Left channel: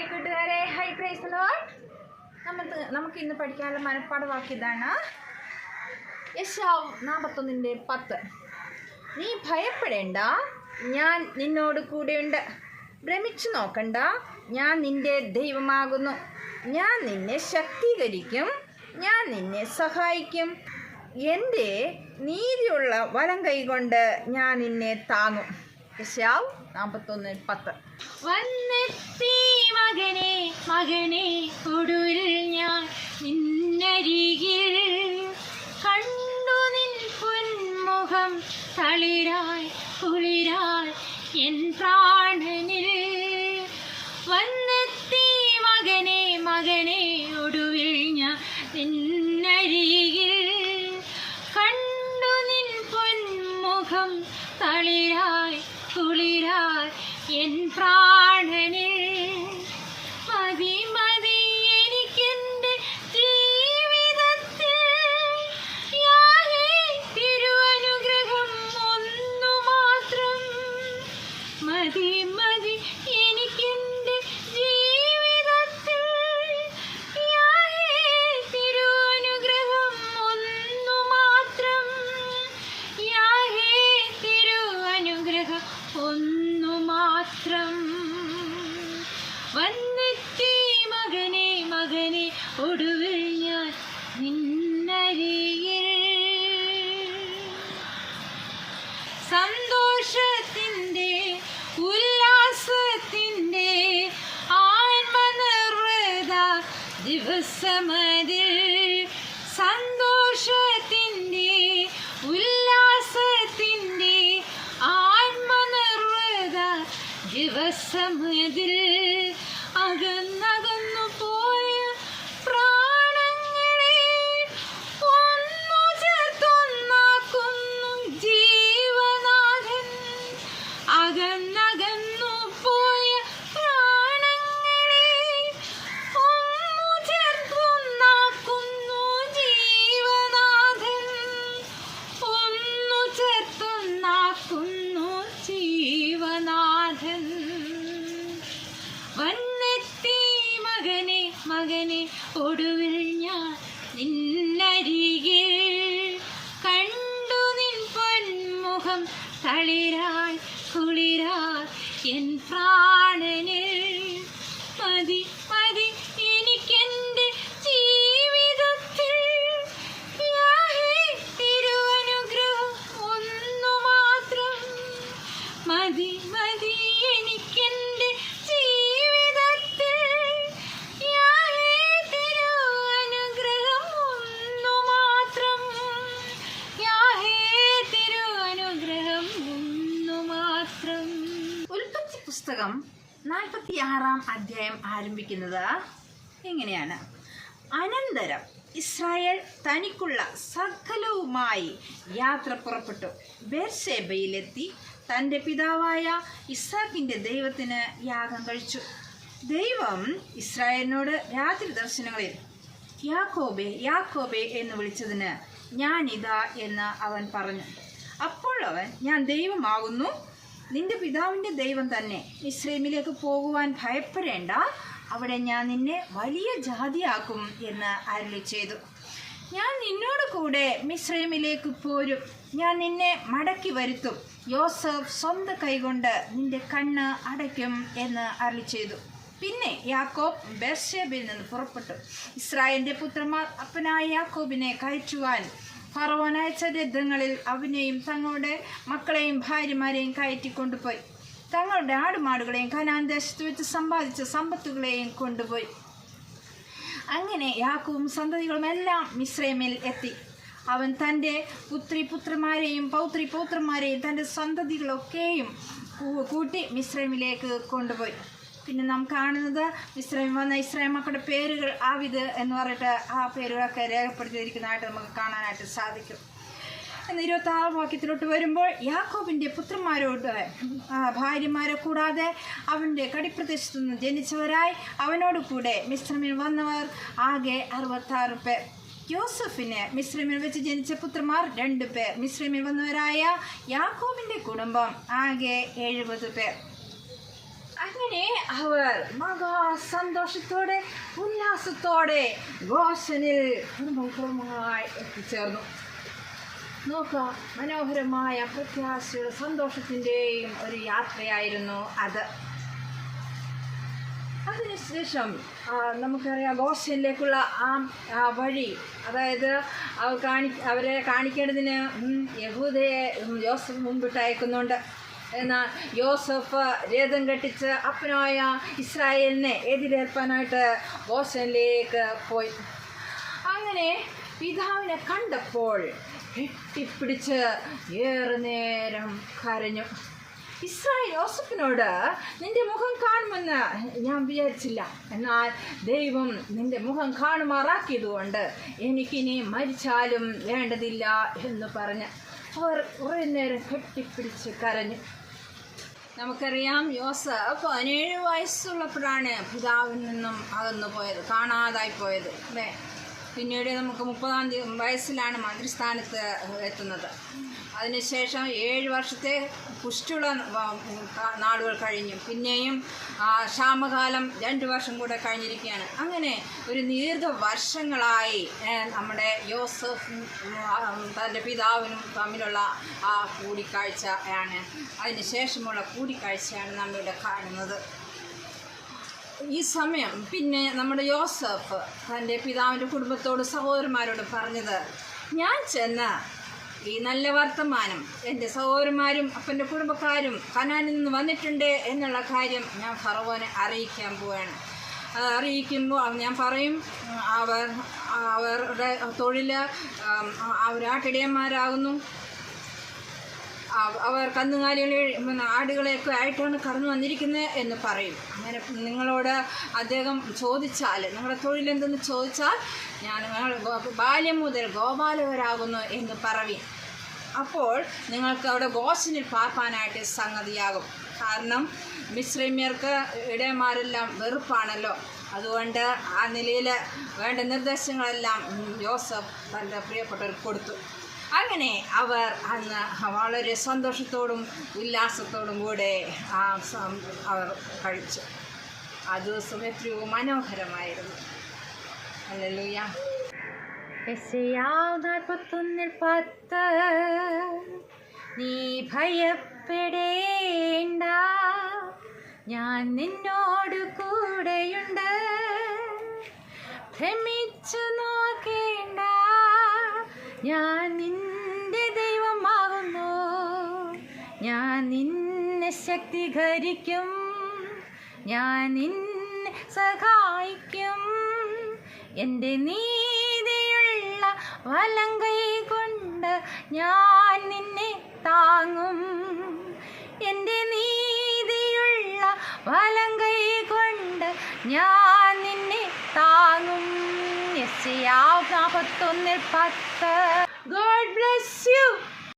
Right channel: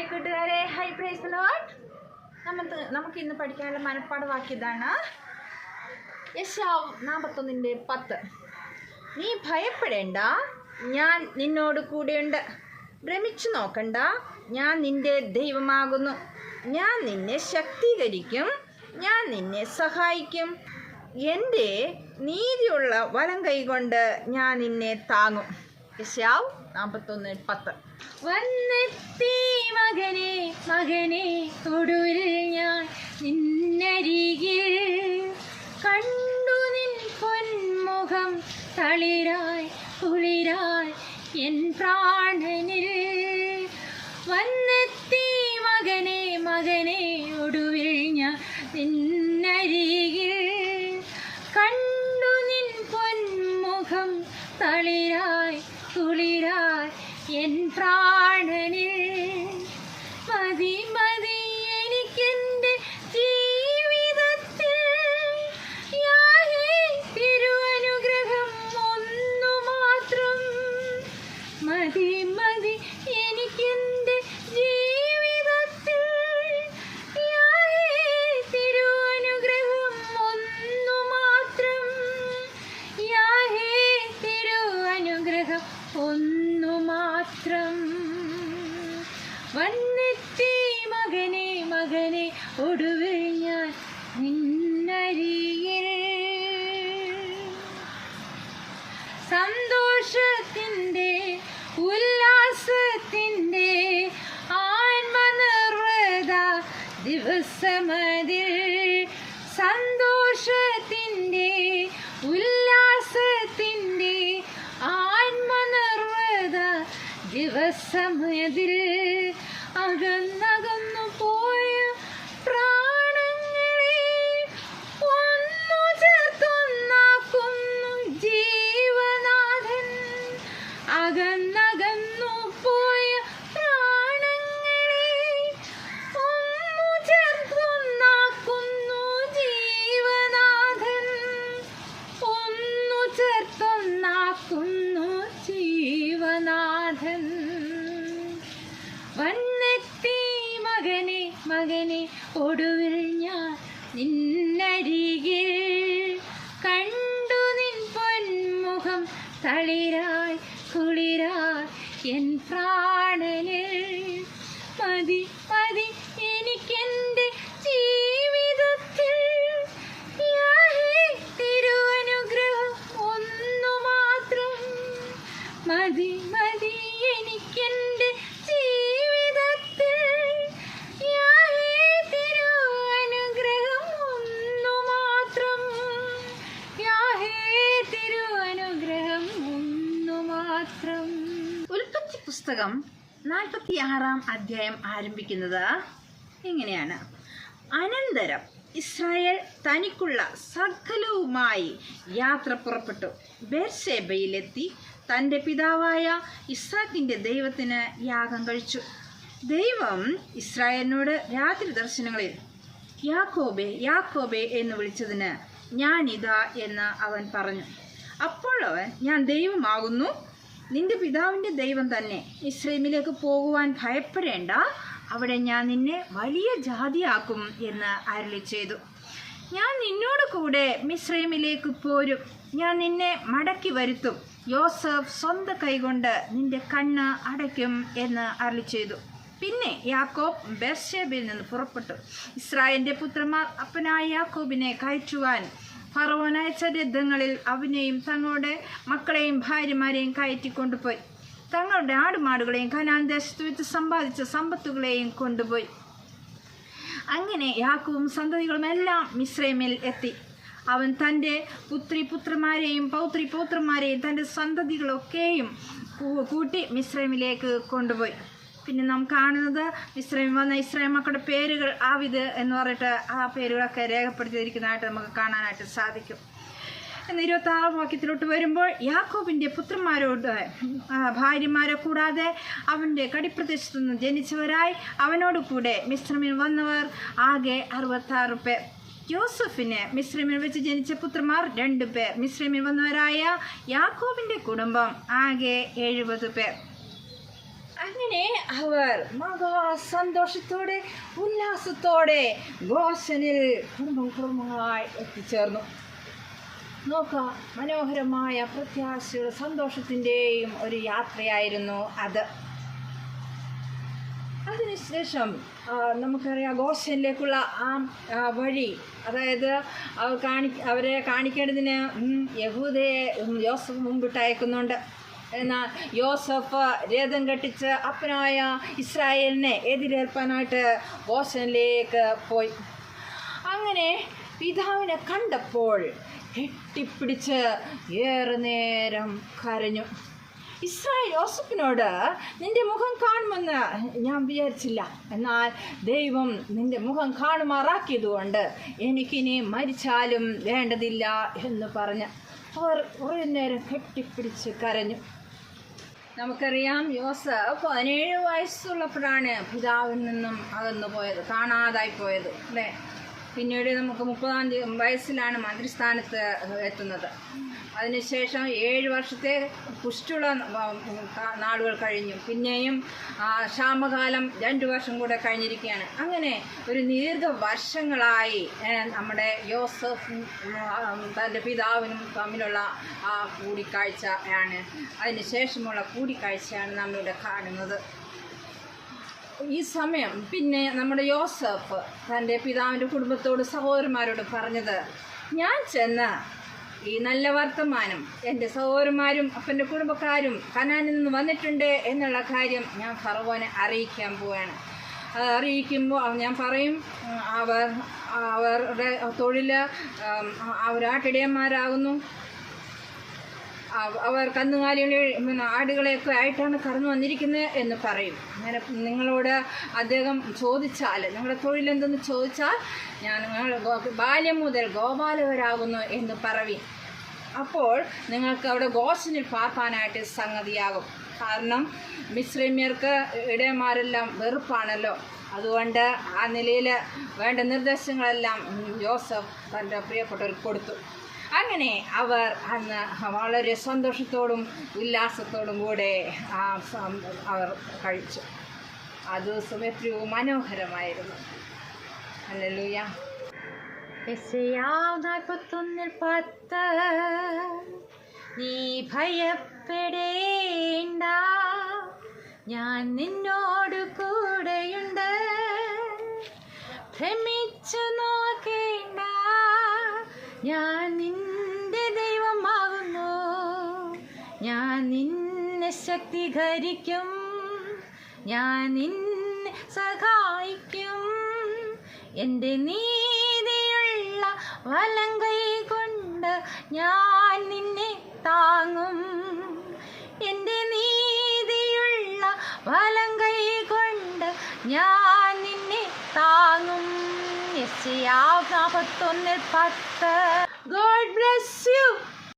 Hi കൂട്ടുകാരെ, high praise Lord. നമുക്ക് ഇന്ന് പഠിക്കാനുള്ള മനപ്പാഠവാക്യം ഇതാണ്. യെശയ്യാവ് 41:10. നീ ഭയപ്പെടേണ്ട, ഞാൻ നിന്നോട് കൂടെയുണ്ട്. ഭ്രമിച്ചു നോക്കണ്ട, ഞാൻ നിന്റെ ദൈവമാകുന്നു. ഞാൻ നിന്നെ ശക്തീകരിക്കും, ഞാൻ നിന്നെ സഹായിക്കും. എൻ്റെ നീതിയുള്ള വലം കൈകൊണ്ട് ഞാൻ നിന്നെ താങ്ങും. യെശയ്യാവ് 41:10. വന്നെത്തി മകനെ മകനെ, ഒടുവിൽ ഞാൻ നിന്നരികിൽ കണ്ടു. നിൻ പൊന്മുഖം തളിരായി കുളിരായി എൻ പ്രാണനിൽ. വന്നെത്തി മകനെ മകനെ, ഒടുവിൽ ഞാൻ നിന്നരികിൽ കണ്ടു. നിൻ പൊന്മുഖം തളിരായി കുളിരായി എൻ പ്രാണനിൽ. മതി മതി എനിക്കെൻ്റെ ജീവിതത്തിൽ യാഹേ തിരുവനുഗ്രഹം ഒന്നു മാത്രം. മതി മതി എനിക്കെൻ്റെ ജീവിതത്തിൽ യാഹേ തിരുവനുഗ്രഹം ഒന്നു മാത്രം. യാഹേ തിരുവനുഗ്രഹം ഒന്നു മാത്രം. വന്നെത്തി മകനെ മകനെ, ഒടുവിൽ ഞാൻ നിന്നരികിൽ. സന്തോഷത്തിൻ്റെ ഉല്ലാസത്തിൻ്റെ ആത്മനിർവൃത ദിവസമതിൽ. സന്തോഷത്തിൻ്റെ ഉല്ലാസത്തിൻ്റെ ആത്മനിർവൃത ദിവസമതിൽ. അകന്നകന്നു പോയ പ്രാണങ്ങളെ ഒന്നു ചേർത്തൊന്നാക്കുന്നു ജീവനാഥൻ. അകന്നകന്നു പോയ പ്രാണങ്ങളെ ഒന്നു ചേർത്തൊന്നാക്കുന്നു ജീവനാഥൻ. ഒന്നു ചേർത്തൊന്നാക്കുന്നു ജീവനാഥൻ. വന്നെത്തി മകനെ മകനെ, ഒടുവിൽ ഞാൻ നിന്നരികിൽ കണ്ടു. നിൻ പൊന്മുഖം തളിരായി കുളിരായി എൻ പ്രാണനിൽ. മതി മതി എനിക്കെൻ്റെ ജീവിതത്തിൽ യാഹേ തിരുവനുഗ്രഹം ഒന്നു മാത്രം. മതി മതി എനിക്കെൻ്റെ ജീവിതത്തിൽ യാഹേ തിരുവനുഗ്രഹം ഒന്നു മാത്രം. യാഹേ തിരുവനുഗ്രഹം ഒന്നു മാത്രം. ഉൽപ്പത്തി പുസ്തകം 46-ാം അധ്യായം ആരംഭിക്കുന്നത് ഇങ്ങനെയാണ്. അനന്തരം ഇസ്രായേൽ തനിക്കുള്ള സകലവുമായി യാത്ര പുറപ്പെട്ടു. ബേർശേബയിലെത്തി തൻ്റെ പിതാവായ ഇസ്ഹാക്കിൻ്റെ ദൈവത്തിന് യാഗം കഴിച്ചു. ദൈവം ഇസ്രായേലിനോട് രാത്രി ദർശനങ്ങളിൽ യാക്കോബേ യാക്കോബേ എന്ന് വിളിച്ചതിന് ഞാനിതാ എന്ന് അവൻ പറഞ്ഞു. അപ്പോൾ അവൻ, ഞാൻ ദൈവമാകുന്നു, നിന്റെ പിതാവിൻ്റെ ദൈവം തന്നെ. മിസ്രയീമിലേക്ക് പോകുവാൻ ഭയപ്പെടേണ്ട, അവിടെ ഞാൻ നിന്നെ വലിയ ജാതിയാക്കും എന്ന് അരുളി ചെയ്തു. ഞാൻ നിന്നോട് കൂടെ മിസ്രയീമിലേക്ക് പോരും, ഞാൻ നിന്നെ മടക്കി വരുത്തും. യോസഫ് സ്വന്തം കൈകൊണ്ട് നിന്റെ കണ്ണ് അടയ്ക്കും എന്ന് അരുളി ചെയ്തു. പിന്നെ യാക്കോബ് ബേർശേബയിൽ നിന്ന് പുറപ്പെട്ടു. ഇസ്രായേലിന്റെ പുത്രന്മാർ അപ്പനായ യാക്കോബിനെ കയറ്റുവാൻ ഫറവോൻ അയച്ച രഥങ്ങളിൽ അവനെയും തങ്ങളുടെ മക്കളെയും ഭാര്യമാരെയും കയറ്റിക്കൊണ്ടുപോയി. തങ്ങളുടെ ആടുമാടുകളെയും കനാൻ ദേശത്ത് വെച്ച് സമ്പാദിച്ച സമ്പത്തുകളെയും കൊണ്ടുപോയി. അങ്ങനെ യാക്കോബും സന്തതികളും എല്ലാം മിസ്രയീമിൽ എത്തി. അവൻ തൻ്റെ പുത്രിമാരെയും പൗത്രന്മാരെയും തൻ്റെ സന്തതികളൊക്കെയും കൂട്ടി മിസ്രയീമിലേക്ക് കൊണ്ടുപോയി. പിന്നെ നാം കാണുന്നത് മിസ്രയീം വന്ന ഇസ്രായേൽ മക്കളുടെ പേരുകൾ ആവിദ് എന്ന് പറഞ്ഞിട്ട് ആ പേരുകളൊക്കെ രേഖപ്പെടുത്തിയിരിക്കുന്നതായിട്ട് നമുക്ക് കാണാനായിട്ട് സാധിക്കും. 26-ാം വാക്യത്തിലോട്ട് വരുമ്പോൾ, യാക്കോബിൻ്റെ പുത്രന്മാരോട് ഭാര്യമാരെ കൂടാതെ അവൻ്റെ കടിപ്രദേശത്തു നിന്ന് ജനിച്ചവരായി അവനോട് കൂടെ മിസ്രയീമിൽ വന്നവർ ആകെ 66 പേർ. യോസഫിന് മിസ്രയീമിൽ വെച്ച് ജനിച്ച പുത്രന്മാർ 2 പേർ. മിസ്രയീമിൽ വന്നവരായ യാക്കോബിൻ്റെ കുടുംബം ആകെ 70 പേർ. അങ്ങനെ അവർ മഹാസന്തോഷത്തോടെ ഉല്ലാസത്തോടെ ഗോശനിൽ കുടുംബമായി എത്തിച്ചേർന്നു. നോക്കുക, മനോഹരമായ പ്രത്യാശയുടെ സന്തോഷത്തിൻ്റെയും ഒരു യാത്രയായിരുന്നു അത്. അതിനുശേഷം നമുക്കറിയാം ഗോശനിലേക്കുള്ള ആ വഴി, അതായത് അവരെ കാണിക്കേണ്ടതിന് യഹൂദയെ യോസഫ് മുമ്പിട്ട് അയക്കുന്നുണ്ട്. എന്നാൽ യോസഫ് രഥം കെട്ടിച്ച് അപ്പനായ ഇസ്രായേലിനെ എതിരേൽപ്പാനായിട്ട് ഗോശനിലേക്ക് പോയി. അങ്ങനെ പിതാവിനെ കണ്ടപ്പോൾ കെട്ടിപ്പിടിച്ച് ഏറെ നേരം കരഞ്ഞു. ഇസ്രായേൽ യോസഫിനോട്, നിന്റെ മുഖം കാണുമെന്ന് ഞാൻ വിചാരിച്ചില്ല, എന്നാൽ ദൈവം നിന്റെ മുഖം കാണുമാറാക്കിയതുകൊണ്ട് എനിക്കിനി മരിച്ചാലും വേണ്ടതില്ല എന്ന് പറഞ്ഞ് അവർ കുറേ നേരം കെട്ടിപ്പിടിച്ച് കരഞ്ഞു. നമുക്കറിയാം, യോസഫ് 17 വയസ്സുള്ളപ്പോഴാണ് പിതാവിൽ നിന്നും അകന്നു പോയത്, കാണാതായി പോയത് അല്ലേ. പിന്നീട് നമുക്ക് 30-ാം വയസ്സിലാണ് മന്ത്രിസ്ഥാനത്ത് എത്തുന്നത്. അതിനുശേഷം 7 വർഷത്തെ പുഷ്ടിയുള്ള നാളുകൾ കഴിഞ്ഞു. പിന്നെയും ക്ഷാമകാലം 2 വർഷം കൂടെ കഴിഞ്ഞിരിക്കുകയാണ്. അങ്ങനെ ഒരു വർഷങ്ങളായി നമ്മുടെ യോസഫും തൻ്റെ പിതാവിനും തമ്മിലുള്ള ആ കൂടിക്കാഴ്ചയാണ്, അതിനുശേഷമുള്ള കൂടിക്കാഴ്ചയാണ് നമ്മളിവിടെ കാണുന്നത്. ഈ സമയം പിന്നെ നമ്മുടെ യോസഫ് തൻ്റെ പിതാവിൻ്റെ കുടുംബത്തോട് സഹോദരന്മാരോട് പറഞ്ഞത്, ഞാൻ ചെന്ന് ഈ നല്ല വർത്തമാനം എൻ്റെ സഹോദരന്മാരും അപ്പൻ്റെ കുടുംബക്കാരും കനാനിൽ നിന്ന് വന്നിട്ടുണ്ട് എന്നുള്ള കാര്യം ഞാൻ ഫറവോനെ അറിയിക്കാൻ പോവുകയാണ്. അറിയിക്കുമ്പോൾ ഞാൻ പറയും, അവരുടെ തൊഴിൽ അവരാട്ടിടയന്മാരാകുന്നു, അവർ കന്നുകാലികളെ ആടുകളെയൊക്കെ ആയിട്ടാണ് കടന്നു വന്നിരിക്കുന്നത് എന്ന് പറയും. അങ്ങനെ നിങ്ങളോട് അദ്ദേഹം ചോദിച്ചാൽ, നിങ്ങളുടെ തൊഴിലെന്തെന്ന് ചോദിച്ചാൽ, ഞാൻ നിങ്ങൾ ബാല്യം മുതൽ ഗോപാലകരാകുന്നു എന്ന് പറയും. അപ്പോൾ നിങ്ങൾക്ക് അവിടെ ഗോശനിൽ പാർപ്പാനായിട്ട് സംഗതിയാകും. കാരണം മിസ്രൈമ്യർക്ക് ഇടയന്മാരെല്ലാം വെറുപ്പാണല്ലോ. അതുകൊണ്ട് ആ നിലയിൽ വേണ്ട നിർദ്ദേശങ്ങളെല്ലാം യോസഫ് തൻ്റെ പ്രിയപ്പെട്ടവർക്ക് കൊടുത്തു. അങ്ങനെ അവർ അന്ന് വളരെ സന്തോഷത്തോടും ഉല്ലാസത്തോടും കൂടെ അവർ കഴിച്ചു. ആ ദിവസം എത്രയോ മനോഹരമായിരുന്നു. ഹല്ലേലൂയ. യെശയ്യാ 41:10 നീ ഭയപ്പെടേണ്ട, ഞാൻ നിന്നോട് കൂടെയുണ്ട്, ഭ്രമിച്ചു നോക്കേണ്ട, ഞാൻ നിന്റെ ദൈവമാകുന്നു, ഞാൻ നിന്നെ ശക്തീകരിക്കും, ഞാൻ നിന്നെ സഹായിക്കും, എൻ്റെ നീതിയുള്ള വലങ്കൈ കൊണ്ട് ഞാൻ നിന്നെ താങ്ങും, എൻ്റെ നീതിയുള്ള വലങ്കൈ കൊണ്ട് ഞാൻ നിന്നെ താങ്ങും. യെശയ്യാ 41:10. God bless you.